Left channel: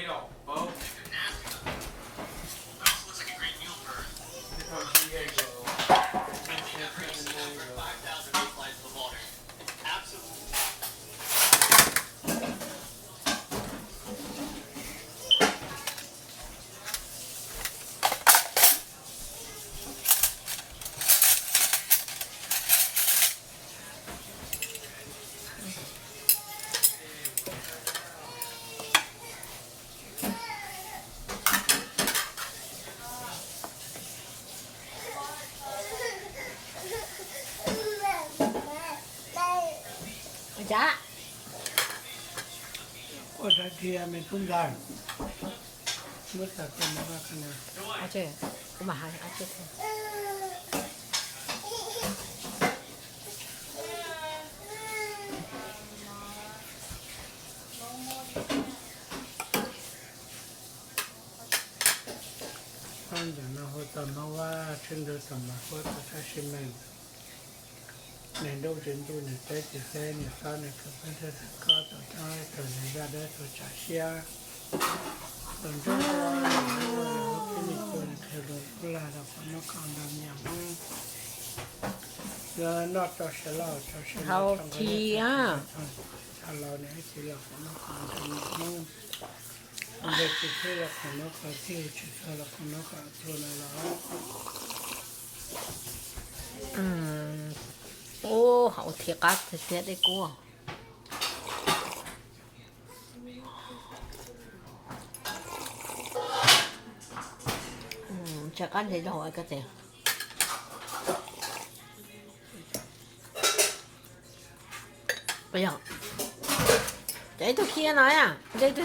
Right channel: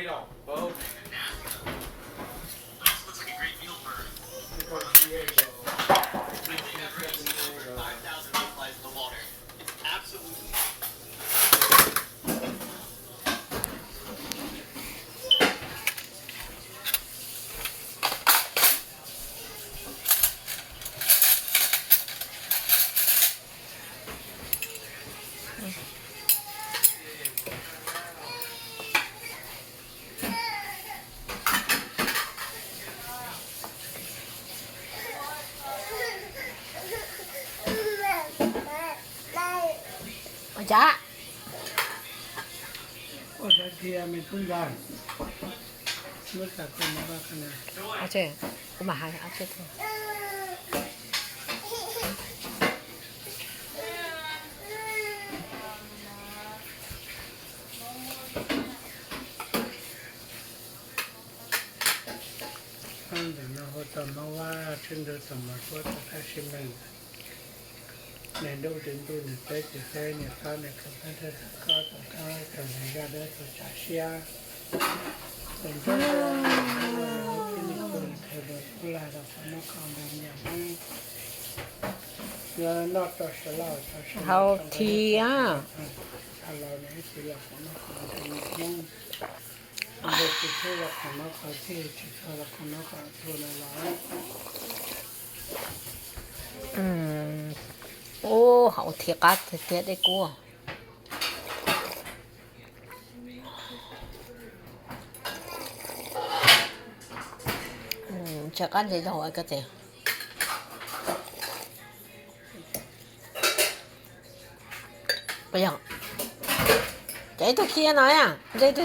Fatal, Bo. Looks like a great meal for From Diego. 5,000 mayflies in the water. It's absolutely. จ้า โอ้ยเทียมันทุกอย่างเมื่อสัตว์เป็นมาขนาด เอาเจ้กูมาหาเอาเจ้เถอะ ตอนเดี๋ยวเราตอนมาว่าซึ่งเราสมัครว่าจะใช้ชิ้นนั้นในดูจริงดูในใจจิตใจเนี่ยเขาในกับพันธะก็ต้องเอาแต่ในก็ได้ตัวจ่าเชียส่วนตัวที่มีคนเธอเดินกุลาเราคนนกเขาดำอย่างเงินนอกจากเฉลาจากเฉลา เขาเทีย เราเนี่ยให้สิเราคนนกเขาเป็นน้องเด็กที่เชื่อเราคนนกเขาที่เชื่อเราคนนกเขาตัวในร้าน โอ้เขาเทียกัดเทียได้กูจะกันจะถอยก็เถอะไปยังใจตัวเทียหน่อยอ่ะใจตัว